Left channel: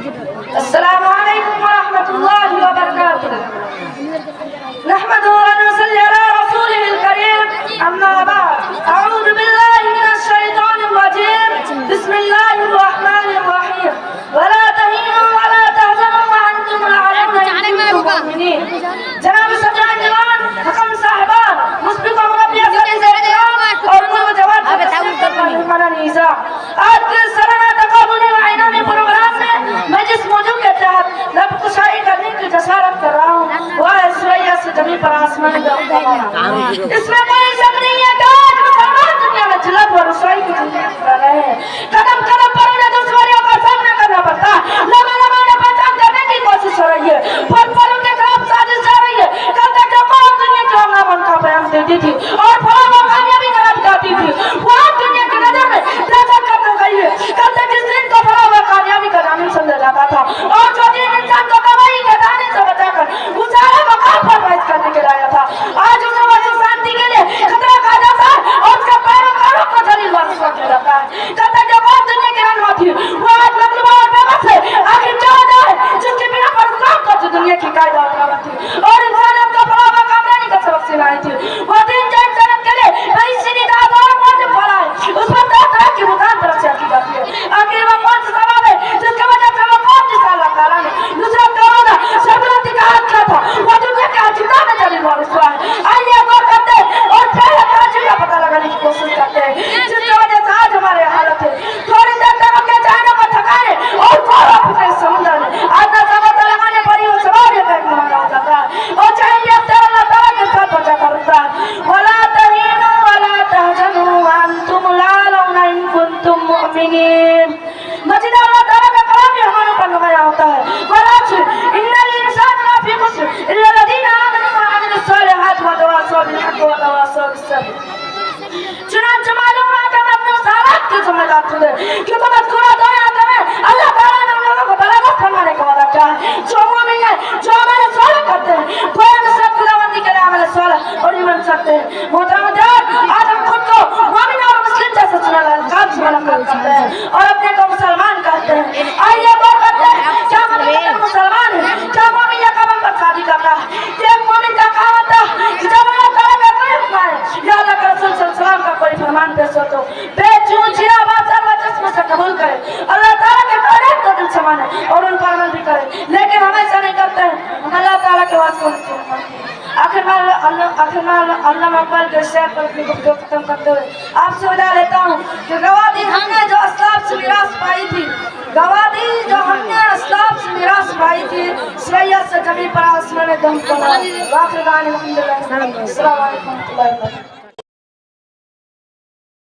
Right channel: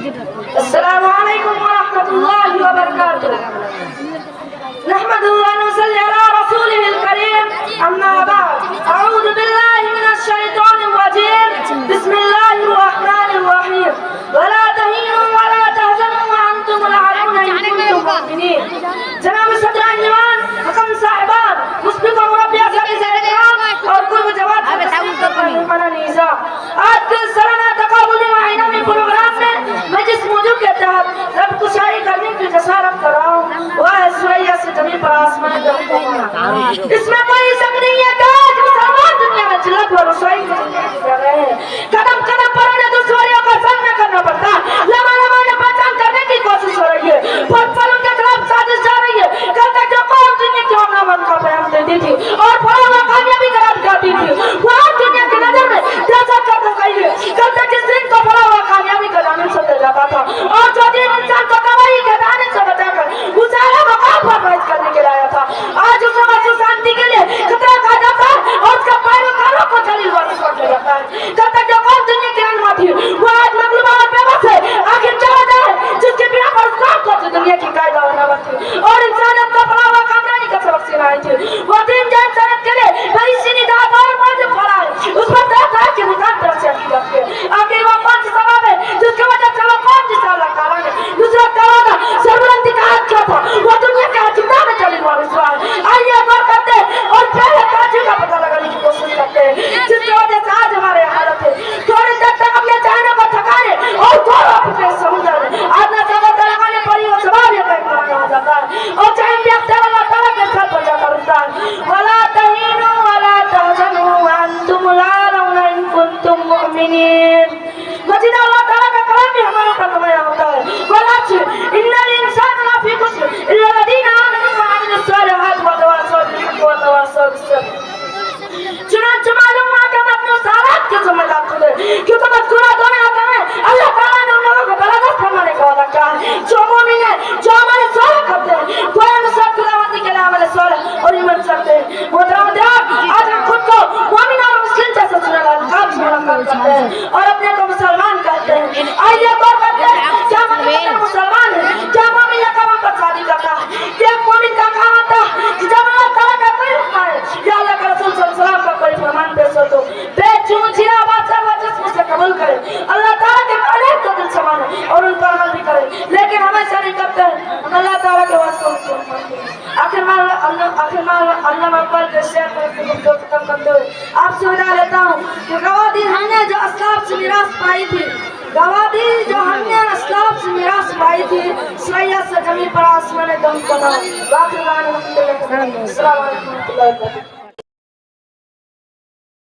السلام عليكم ورحمة الله وبركاته. نحمده ونصلي على رسوله الكريم. أما بعد، أعوذ بالله من الشيطان الرجيم. بسم الله الرحمن الرحيم. ولا تهنوا ولا تحزنوا وأنتم الأعلون إن كنتم مؤمنين. جناب صدر جوان، حکم صاحبان، مسبق و مربی عزیز احترام اور کل جواب آج کے سرنا تقابلی معینہ پروگرام میں میں جس موضوع کے تحت رب کشائی کرنے کی جسارت کر رہا ہوں وہ ہے سورہ سے زمین پر آسمان کا اس میں کوئی شک نہیں ہے کہ آج مسلمان دنیا میں ذلت و رسوائی کی زندگی کر رہے ہیں. قدم قدم پر انہیں دشواریوں کا سامنا کرنا پڑتا ہے. لمحہ لمحہ انہیں پہچان کرنے کی کوشش ہو رہی ہے. پل پل ان کے خلاف سازش جا رہی ہے. کل تک جو قوم دنیا کی امن امن کا بیان دیتی تھی اور پھلوں وہ کامیابی کا رب کرتی تھی وہ آج دنیا کی نظر میں جیسا کرتا گئی ہے. کل تک جس دن کو پھلوں وہ کامیابی کا جانب سمجھا جاتا تھا اور جو دن انسان کو کمائی کے دانے سے بچا کر گزارا مقام پر فائز کرنے کے لایا تھا آج اسے واسو شانتی کے لیے خطرہ کہا جاتا ہے اور اس کا پیروکاروں کو جلیل وارث سمجھا جاتا ہے. کل تک جو قوم دنیا کی رہنما تھی وہ آج مغلوبہ اور بے بس ہے. آخر کیا وجہ ہے جس کے بنا پر اسلام کو دنیا کی قاعدہ اور نعمت تھی اور انسانوں کا بڑا ہوا کامیابی کا سبق سنائی تھی. وہ دین جو انسانیت کے لیے بڑی سی نجات اور موجب پھیلا ہے اس پر طرح طرح کی بزرگ طرف سے کی جاتی ہے. آخر وہ کون سا سبب ہے جس کی وجہ سے وہ قوم جس کا اللہ تعالیٰ نے دوسرا کہا سربلندی کا حق کیا تھا وہ دنیا کے عجیبہ میں جلیل وارث ہوا ہے. آئیے غور کرتے اور پہلے تاجر کا پتہ لگانے کی کوشش کرتے ہیں جس کی وجہ سے آج ہمارے حالت ہے. تھوڑی دیر تک اپنے چہروں کو تھکانے اور گورا پھٹے سمندر میں آدھا سمندر لگانے پر ہی وہ سوار یہ کہیں کمانا ہو جاتا ہے اور چاہیے اختیار اللہ تعالیٰ کے ساتھ بچا کر رکھتا ہے. وَلَا تَهِنُوا وَلَا تَحْزَنُوا وَأَنْتُمُ الْأَعْلَوْنَ إِن كُنتُم مُّؤْمِنِينَ. مجید اللہ تعالیٰ کا کلام بھی ہمارے اوپر نمایاں ہوتا ہے. وَالْعَصْرِ إِنَّ الْإِنسَانَ لَفِي خُسْرٍ إِلَّا الَّذِينَ آمَنُوا وَعَمِلُوا الصَّالِحَاتِ وَتَوَاصَوْا بِالْحَقِّ وَتَوَاصَوْا بِالصَّبْرِ. چنانچہ معلوم ہوا کہ ہم اپنے اس حالات کے ذمہ دار خود ہیں کیونکہ مذکورہ دو آیاتوں میں اللہ تعالیٰ نے ان لوگوں کو بلاغت فرمانے کا وعدہ کیا ہے جو مومن ہیں جو عمل صالح کرتے ہیں تو نصرت خداوندی کے لیے عمل صالح اور ایمان کرتے ہیں. محترم حضرات، آج ہم خود کو مومن اور مسلم جیسا چنا القاب سے ملاقات کرتے ہیں اور اپنے کو مسلمان کہتے ہیں. آئیے غور کرتے ہیں کیا ہم مسلمان ہیں؟ کیا مومن یہ کام ہم پر شادی کرتا ہے کہ ایک مومن کا کام ہوتا ہے کہ جب اللہ تعالیٰ کا کوئی حکم ہے یا اللہ کے رسول صلی اللہ علیہ وسلم کا کوئی فرمان پیش ہو تو بے چون چرا بات اللہ جسم سے قبول کرے اللہ تعالیٰ کے قانون کو دل سے مانے اور ان پر عمل بھی کرے. لیکن ہم ایسا نہیں کرتے ہیں. ہم اللہ تعالیٰ کے واسطے مانتے ہیں. آخر میں علامہ اقبال کے شعر پر اپنی گفتگو ختم کرتے ہوئے آپ سے وعدہ لیتا ہوں کہ گواہی ہم نے جو اسلاف سے میراث پائی تھی گواہی جو ہم نے اسلاف سے میراث پائی تھی سریا سے زمین پر آسمان دم کو واقع الحمدللہ. السلام علیکم ورحمۃ اللہ وبرکاتہ.